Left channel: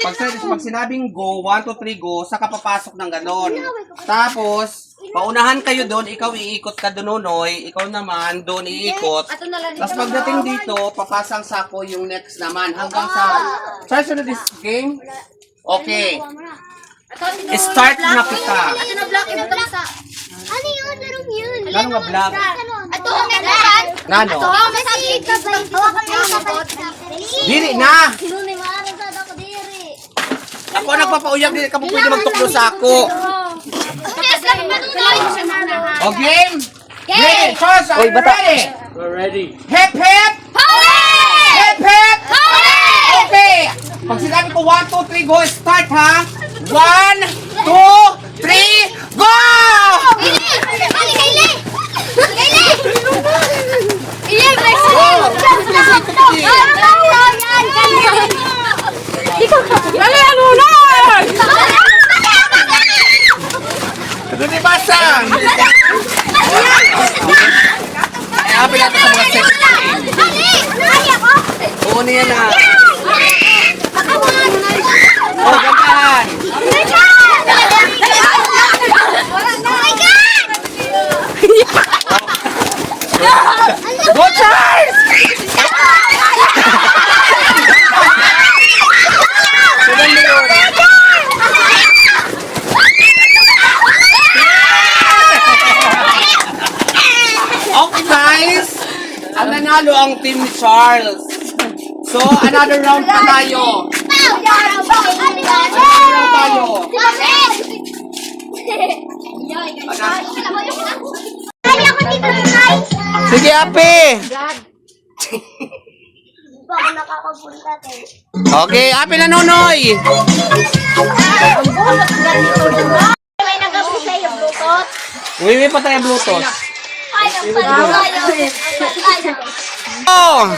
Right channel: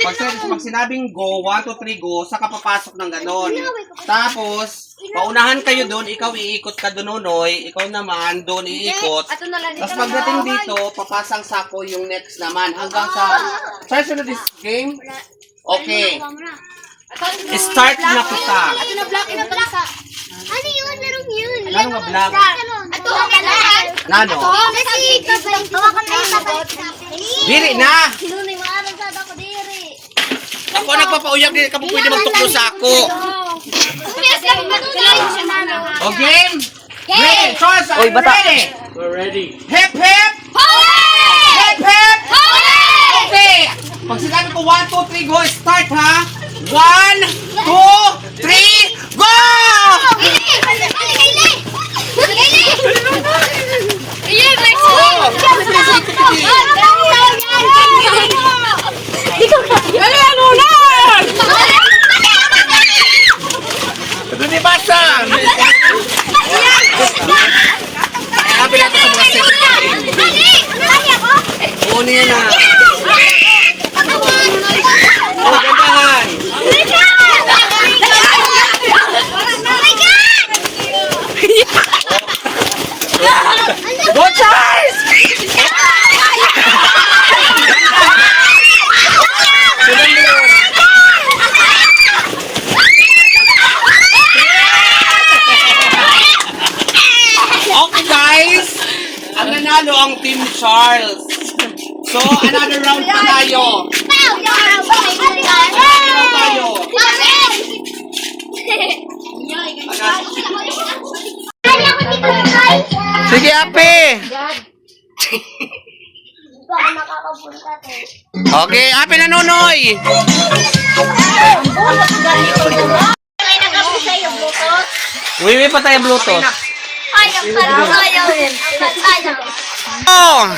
Pag sinabing go, 1, 2, 3, go, saka papasok ng ganon. Tapos, paunahan kayo doon, ikaw iikot ka doon, Nonoy. Ikaw naman, doon iikot. Tapos pagdating dito, papasang sako yung next naman. Hanggang sa... Saan sunod this game? Okay. Start na kita. Ano yun? Merong yun. Ano nga black? Ato ang lahat. Ngano? Diri na! Lunay maaral sa ako diri. Ako nagpapauyag, di ka po pwede magtuklo sa ako. O game? Ready? First, are you ready? We're ready. Hip hip! Hip hip! Okay! Pag sinabi ko 1, 2, 3, go! Start ha! 1, 2, 3, go! Ano ni Masa? Happy natin sa mga set. Oo niya na. Oh, gandahan. Go Charles! Okay guys, ang nanalo ang Team Charles. So, another round pa tayo. Sige, Ape. Baka nakakapunta tayo. Okay, Ape na Nunoy. May nagabi sa'yo, Bukot. Wiwi pa tayo Bluetooth. Ayaw pala sa'yo. Ayaw. Oh!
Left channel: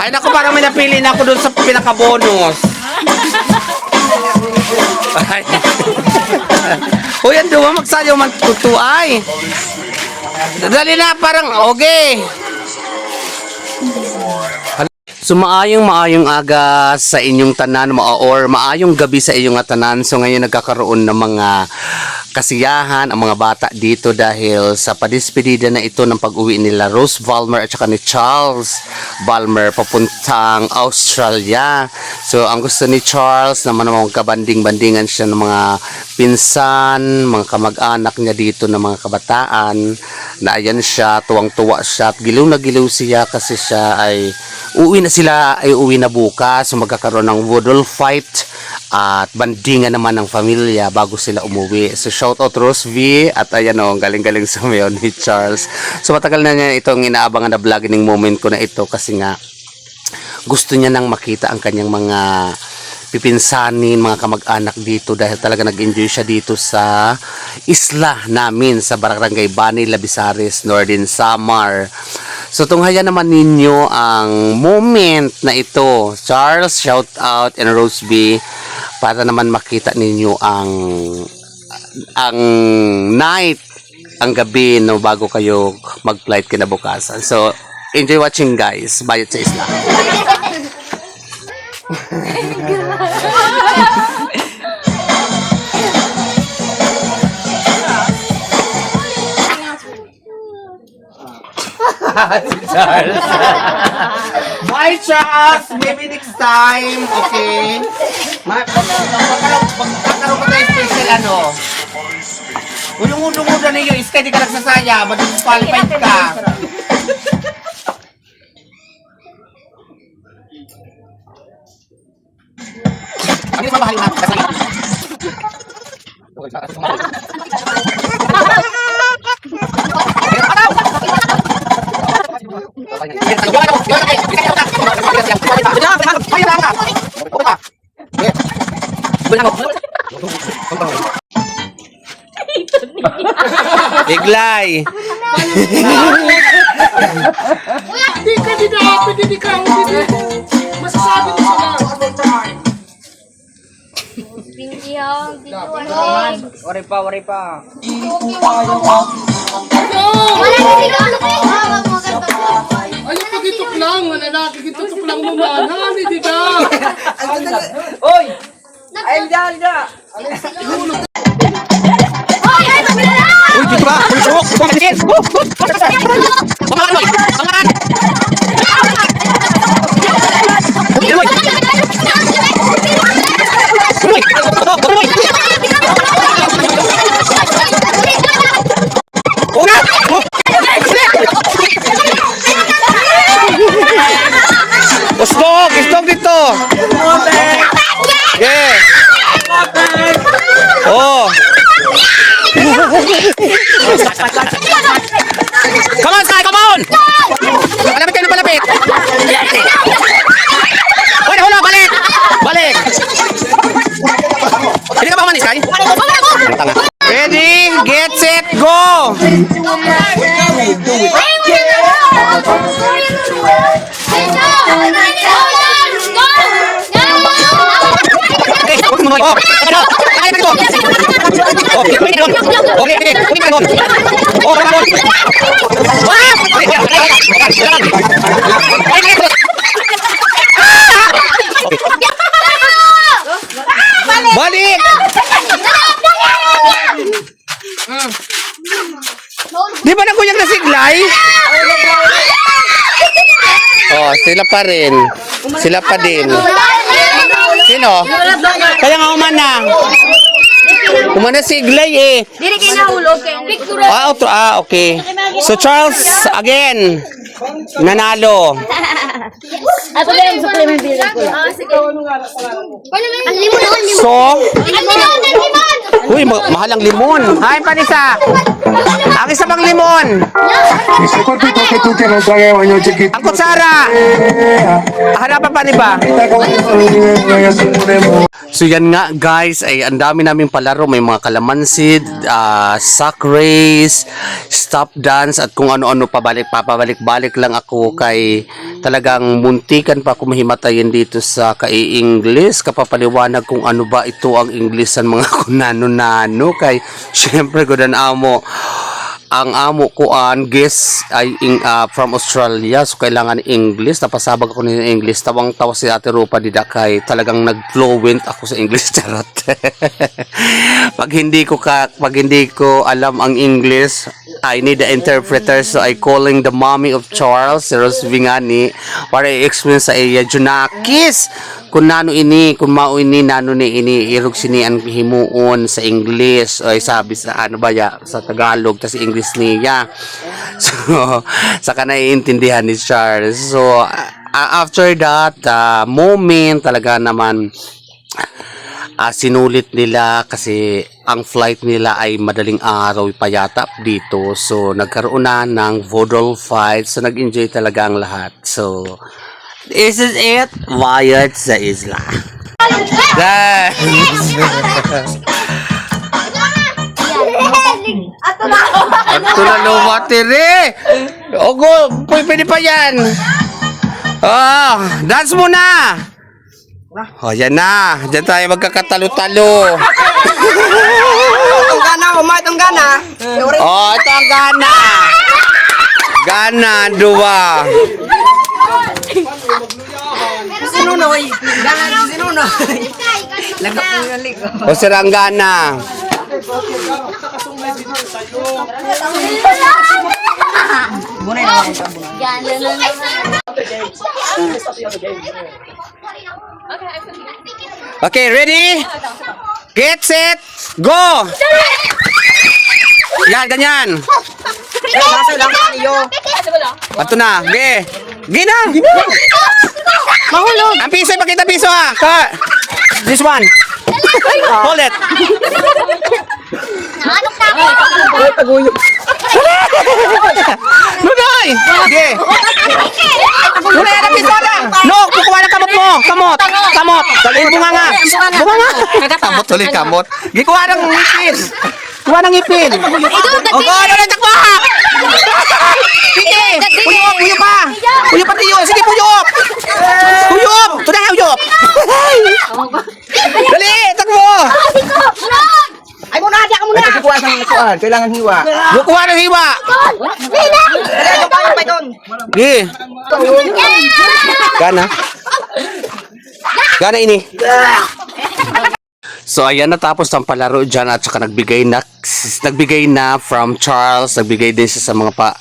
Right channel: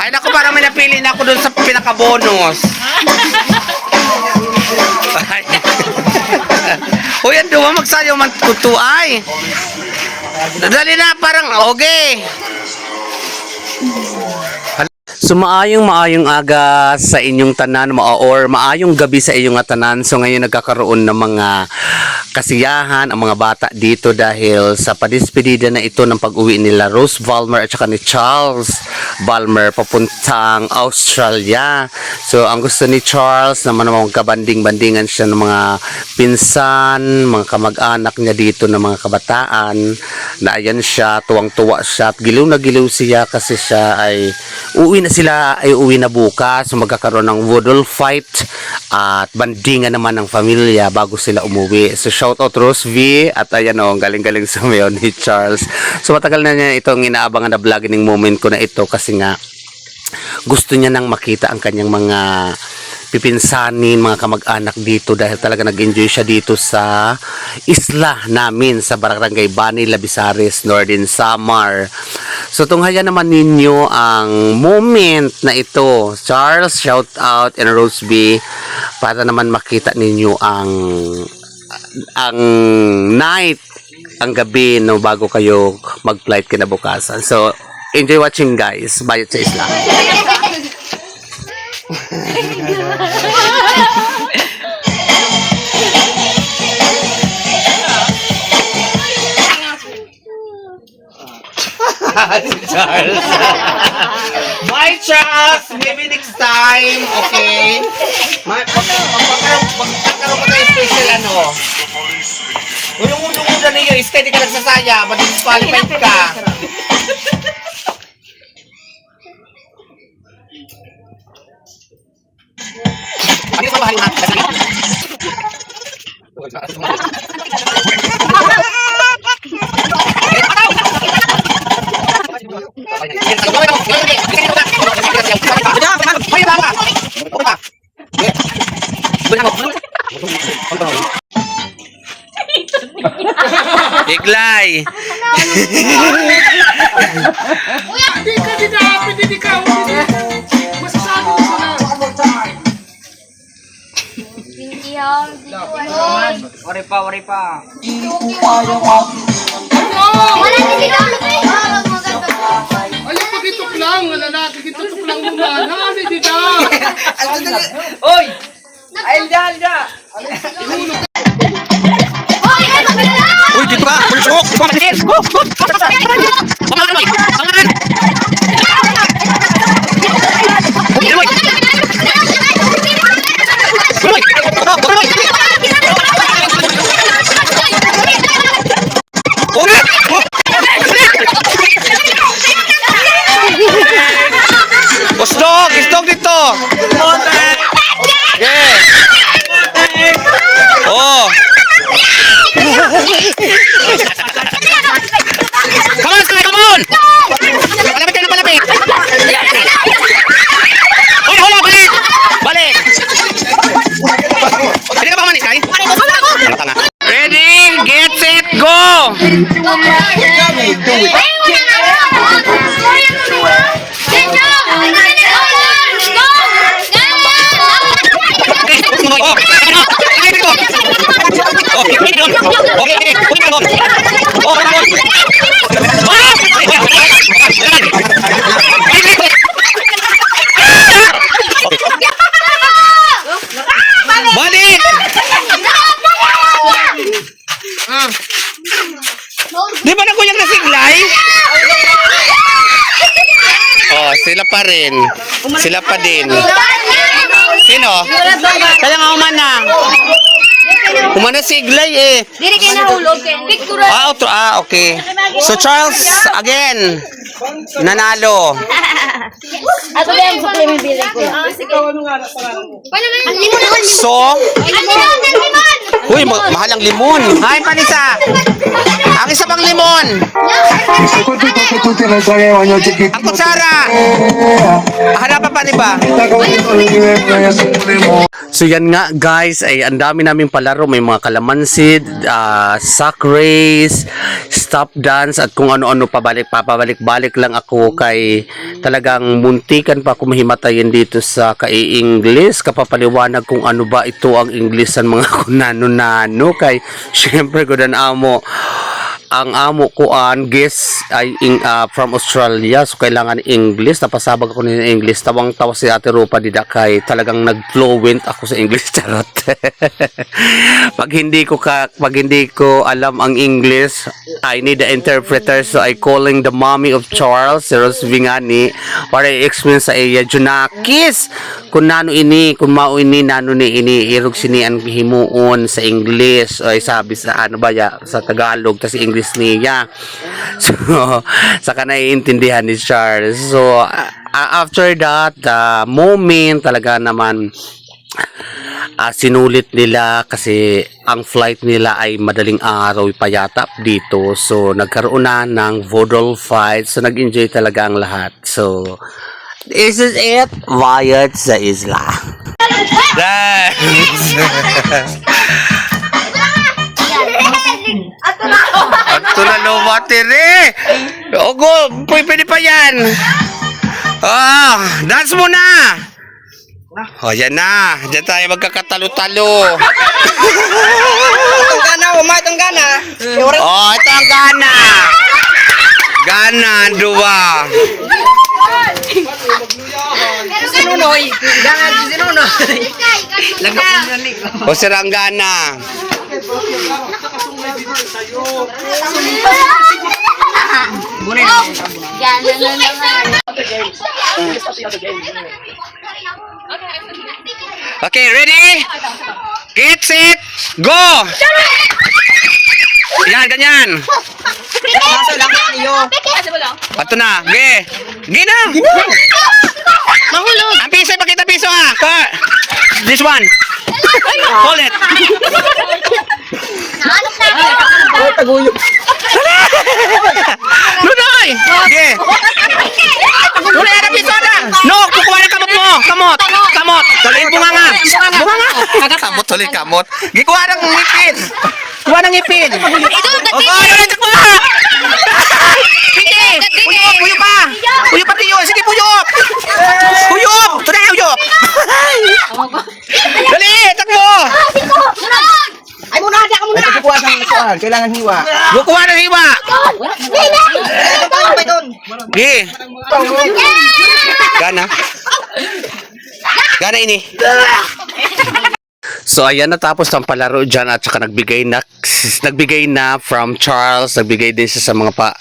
Ay naku, parang may napili na ako dun sa pinaka-bonus. Uy, ang duwa magsayaw man tutuay. Dali na, parang okay. So maayong aga sa inyong tanan or maayong gabi sa inyong tanan. So ngayon nagkakaroon ng mga kasiyahan ang mga bata dito dahil sa padispedida na ito ng pag-uwi nila Rose Valmer at saka ni Charles Valmer papuntang Australia. So ang gusto ni Charles naman magkabanding-bandingan siya ng mga pinsan, mga kamag-anak niya dito ng mga kabataan na ayan siya, tuwang-tuwa siya at giliw na giliw siya kasi siya ay uwi na bukas. So magkakaroon ng woodle fight at bandingan naman ng pamilya bago sila umuwi. So shout out Rose V at ayan o, galing-galing sa mayon ni Charles. So matagal na niya itong inaabangan na vlogging moment ko na ito kasi nga gusto niya nang makita ang kanyang mga pipinsanin, mga kamag-anak dito dahil talaga nag-enjoy siya dito sa isla namin sa Barangay Bani, Labisares, Northern Samar. So tunghayan naman ninyo ang moment na ito. Charles, shout out, and Rose B para naman makita ninyo ang night, ang gabi no bago kayo mag-flight kinabukasan. So enjoy watching guys. Bayot sa isla. Charles. Bye Charles. Maybe next time. Okay. Magkakaroon ko tayo special ano. Unong-unong niyo. Steady ka lang sa saya. Mag-disqualified ka. Ano sa bahay mo? Iglay. Hindi ka. Masasabi ko sila. Wari pa. Wala hindi na ulo kayo. Ayun, pagitok lang. Wala na. Pagitok Nang namin dito. Oy! Alda! Uy, dito ka! Pulusok! Pamasin! Pamakan! Pamakan! Unat! Gustong! Gustong dito! Yeah! Oh! Come on, Sky! Come on! Palapit kayo na palapit! Hoy, hula! Balik! Balik! Hindi ka ba kumanis, Sky? Tanga. Ready, get set, go! Balik! Di ba nagkunyag na siglay? Oh, sila pa rin. Sila pa din. Sino? Kaya nga umana. Umana siglay eh. Dili kayo nahulog, Ken. Okay. So Charles, again. Nanalo. Ato ba yung supplement bilang ko lang? Sige. Ang limon naman, limon. So, Ang limon! uy, mahal ang limon. Ay, panisa. Ang isa pang limon. Secondo che tutti non sapevano che Ang kutsara. Harapan pa, di ba? So yan nga guys, ay ang dami naming palaro, may mga kalamansi, sack race, stop dance at kung ano-ano papabalik-balik lang ako kay talagang muntikan pa ako mahimatayin dito sa kai-English, kapapaliwanag kung ano ba ito ang English ng mga kunano-nano kay syempre ko dan amo. Ang amo ko guest ay from Australia, so kailangan English. Napasabag ako ng English. Tawang-tawa si Ate Rupa dida kay talagang nag-fluent ako sa English, charot. pag hindi ko alam ang English, I need the interpreter, so I calling the mommy of Charles, si Rose Vingani, para i-explain sa iya Junakis kung nano ini, kung mao ini, nano ni ini irog sini ang himuon sa English ay sabi sa ano ba ya sa Tagalog tas English niya. So saka naiintindihan ni Charles. So after that moment talaga naman sinulit nila kasi ang flight nila ay madaling araw pa yata dito. So nagkaroon na ng vaudeville fight. So nag-enjoy talaga ang lahat. So this is it. Wyatt sa isla. Ato na lumatiri. Ogo, pwede pa yan. Dance muna. Oh, yan na. Diyan tayo magkakatalo-talo. Itong gana, itong gana. Oh, ito ang gana. Gana, dua. Sinunoy. Gana, sinunoy. Lagap mo yung lig. O sirang gana. Bunay na. Okay, ready? Get set, go! Yan, ganyan. Ato na, ge. Ge na. Mahulog. Ang piso, pakita piso ha. This one. Hold it. Ano kayo? Lunoy! Ge. Lunoy, ada piso na. No, kukuha ng kamot mo. Kamot. Tuloy, bunganga. Kamot, tuloy, kamot. Ge, kuha ng ngipin. Kuha ng ngipin. O, kuha na takbo. Sige, puyop pa. Puyop pa tiyo. Sige, puyop. Tunay, puyop. Dali, takbo. Ay, muna, di ako muna. Kailangan hiwa. Bukuha ng hiwa! Gi! Gana? Gana ini? So ayan, natapos ang palaro dyan at saka nagbigay na from Charles, nagbigay din siya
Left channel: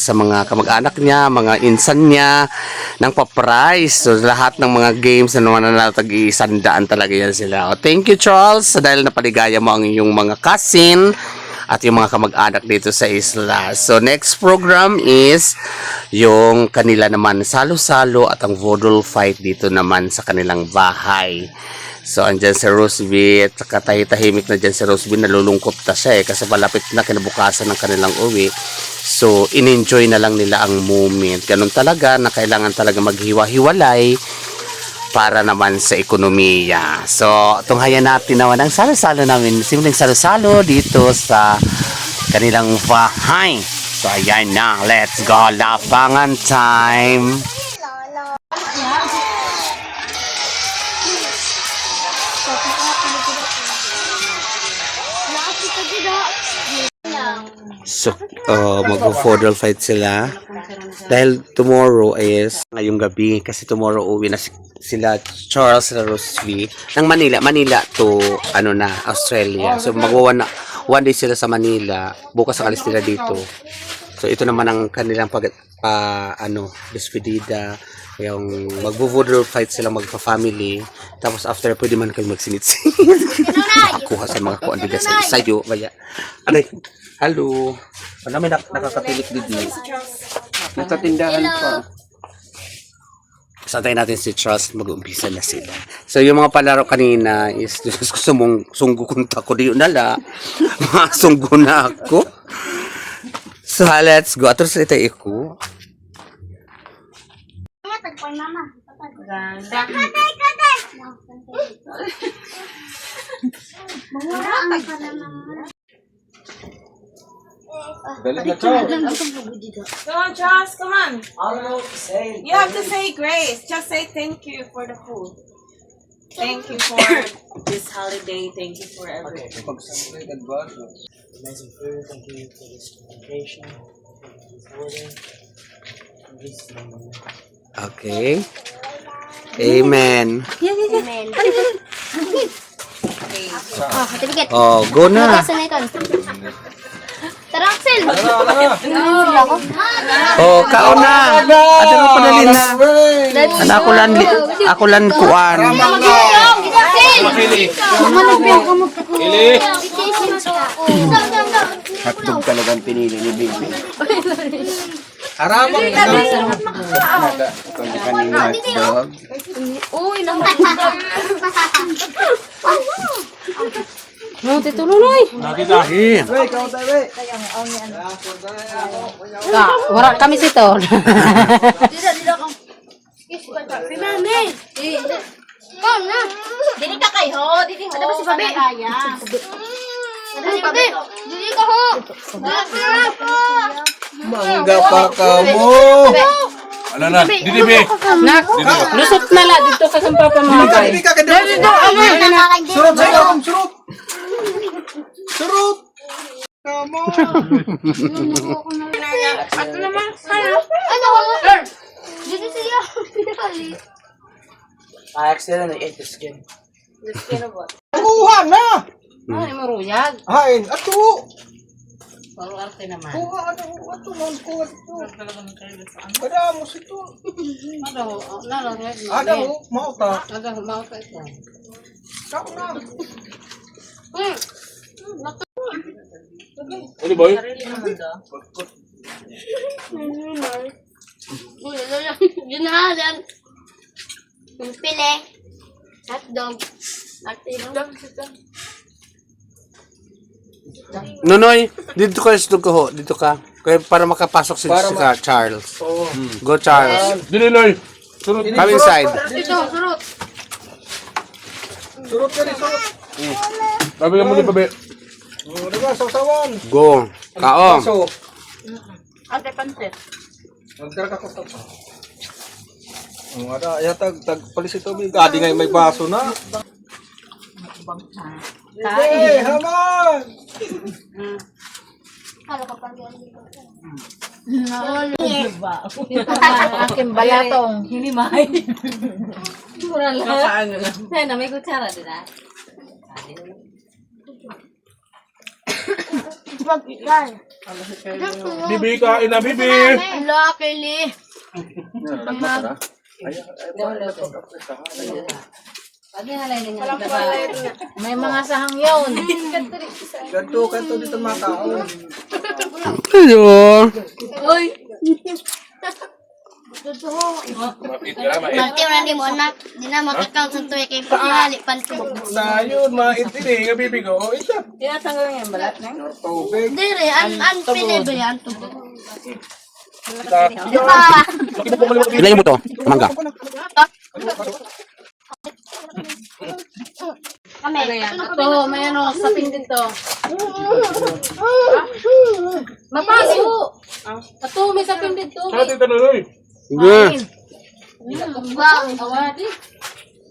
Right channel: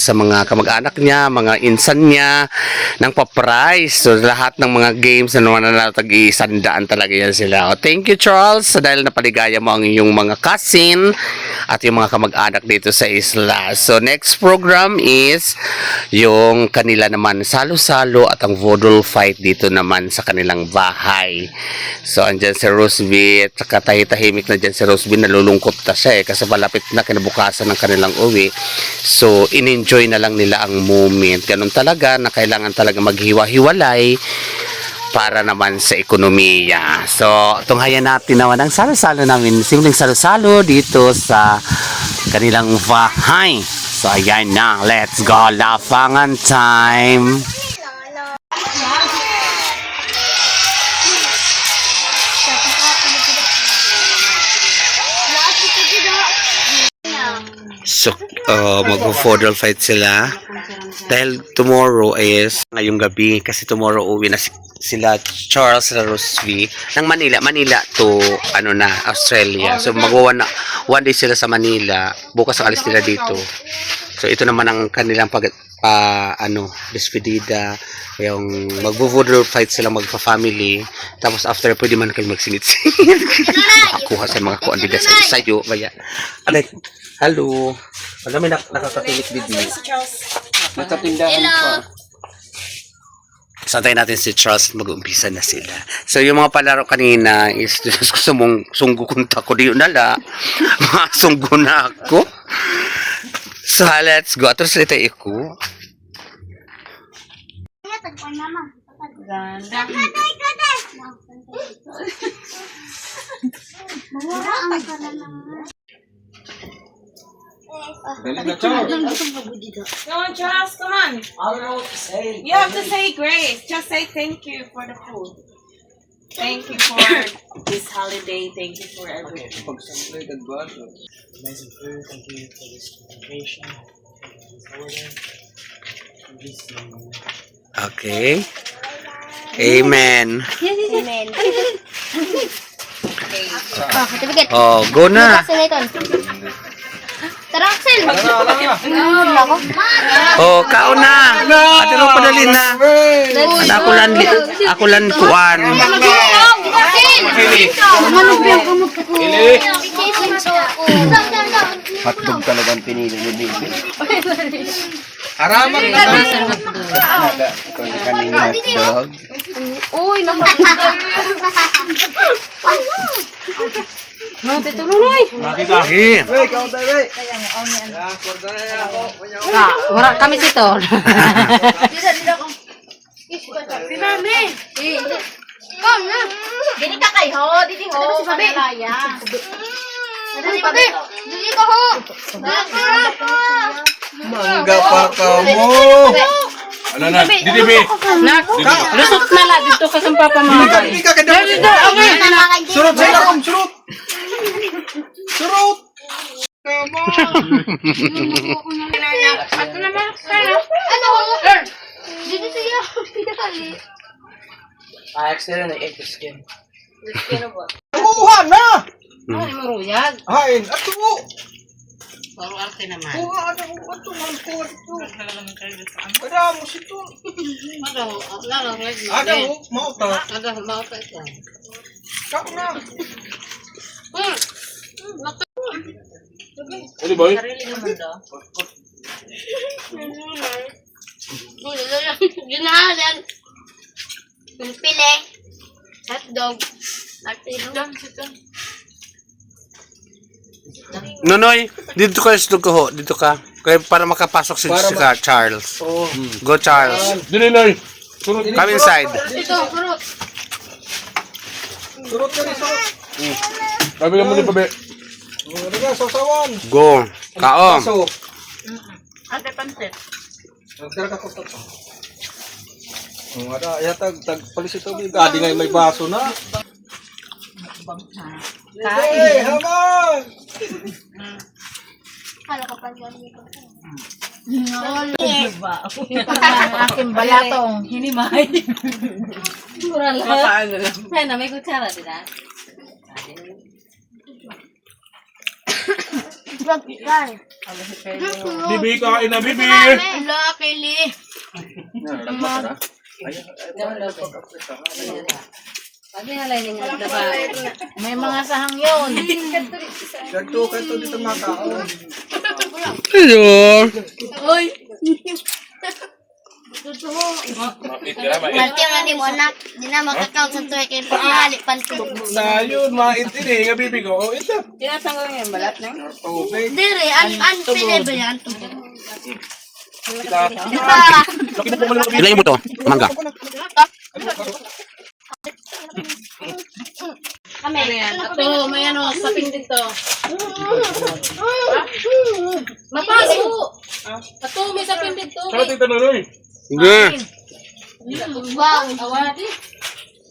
sa mga kamag-anak niya, mga insan niya ng pa-prize. So lahat ng mga games na naman na tag-iisandaan talaga yan sila. Oh, thank you Charles dahil napaligaya mo ang iyong mga cousin at yung mga kamag-anak dito sa isla. So next program is yung kanila naman salo-salo at ang vodol fight dito naman sa kanilang bahay. So andyan si Roseby at saka tahimik na dyan si Roseby, nalulungkot na siya kasi malapit na kinabukasan ng kanilang uwi. So in-enjoy na lang nila ang moment. Ganun talaga na kailangan talaga maghiwa-hiwalay para naman sa ekonomiya. So, tunghayan natin naman ang salo-salo namin. Simpleng salo-salo dito sa kanilang bahay. So, ayan na. Let's go. Lapangan time. So, mag-fodral fight sila. Dahil tomorrow is ngayong gabi. Kasi tomorrow uwi na sila Charles at Roseby ng Manila to Australia. So one day sila sa Manila, bukas ang alis nila dito. So ito naman ang kanilang despedida, yung magvo-vodol fight sila magpa-family, tapos after pwede man kayo magsinit-sinit makakuha sa mga kuan bigas sayo baya. Alay, hello, wala may nakapatilik dito. Natatindahan pa. Santayin natin si Charles, mag-umpisa na sila. So, yung mga palaro kanina is, gusto mong sunggukunta ko, di yun nala. Masunggo na ako. So, let's go. Atros ito iko. Come on, Charles, come on. I don't know what to say. You have to say grace. Just say thank you for the food. Thank you for this holiday. Thank you for everything. Amazing food. Thank you for this communication. Thank you for this order. Okay. Amen. Amen. Certificate. Oh, go na. Tara, Axel. Oh, kaon na. Ate mo padali na. Ako lan kuan. Hotdog talagang pinili ni Bibi. Haraman Ito ni kanina hotdog. Uy, no, tituloy. Lagi. Wala kami dito. Si Mami. Ikaw na. Dili ka kay ho, dili ho. Ano ba si Babe? Dili Babe. Dili ka ho. Mangga pa ka mo. Ano na? Didi be. Lusot na lang. Dito ka sa papa mo. Hindi ka kada. Surut. Ato naman. Ano ho? Dili siya. Pinakali. I accidentally ate the skin. Kuha na. Ay, maruyag. Hain ato. Paro arte naman. Kuha ato man kuha ato. Kada mo sito. Ada mo mau ta. Ka na. Ano boy? Yun na lang. Pili. Hotdog. Nonoy, dito ka sa ho, dito ka. Kaya para makapasok si Charles. Go Charles. Dili loy. Surut. Come inside. Ito, kurot. Surut ka ni surut. Sabi ka mo ni pabe. Diba sasawan. Go. Kaom. So, Ate pansit. nagtira ka ko. Ada ya tag palis ito bi gadi ngay may baso na. Hey, haman. Aking balatong. Hinimay. Mura lang. Sana may kutsara din Bibi, kain na, Bibi. Hello, Kelly. May mga sahang yun. Kanto dito mga tao. Hello. Martiyo na di mo na. Di na makakaw sa tuwi kay pangihali panto. Na yun, maintindi. Nga Bibi ko. Oh, ito. Tinatanggal niya yung balat na? Tubig. Dili, unpinable yan. Ilan yung buto? Mangga. Kami. Ito, may ano, saping dito. Mapaso! Ito, may saping dito. Saan ito nunoy? Sige. Wow. Awadi.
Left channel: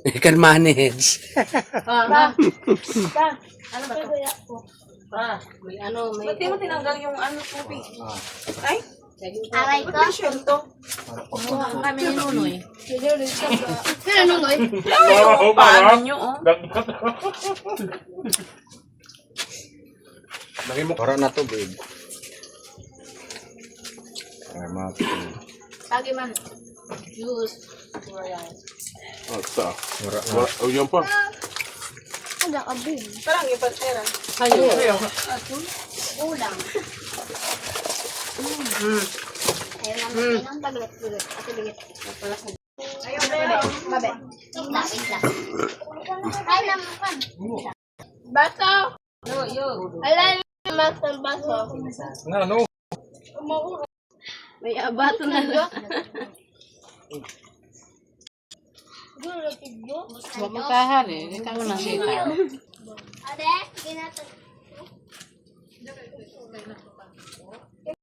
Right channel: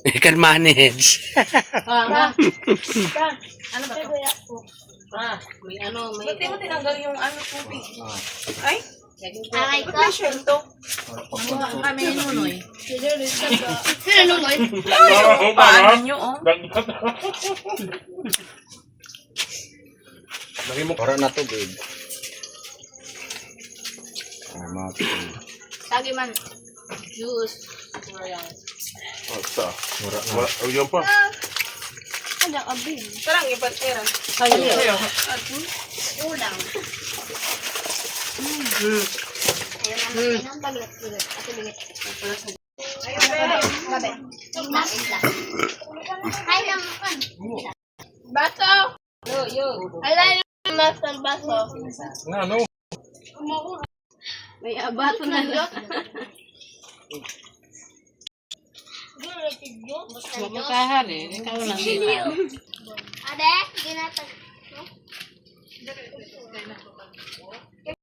You can manage. May ano, may... Ba't di mo tinanggal yung ano tubig? Ay? Aray ko. Passion to. Kami ni Nunoy. Sino nunoy? Oo, para. Nyo, oh. Lagi mo. Para na to, babe. Para mapin. Lagi man. Juice. Basta. Oh, yan pa. Ada abin. Parang iba't pera. Ulang. Ayun ang paglat-paglat. Ako bigit. Babe. Isla. Ay, naman. Baso. Yo. Alay naman sa baso. Nga, no. May abato na lang. Bumutahan eh. Ikaw lang. Ade, ginatag.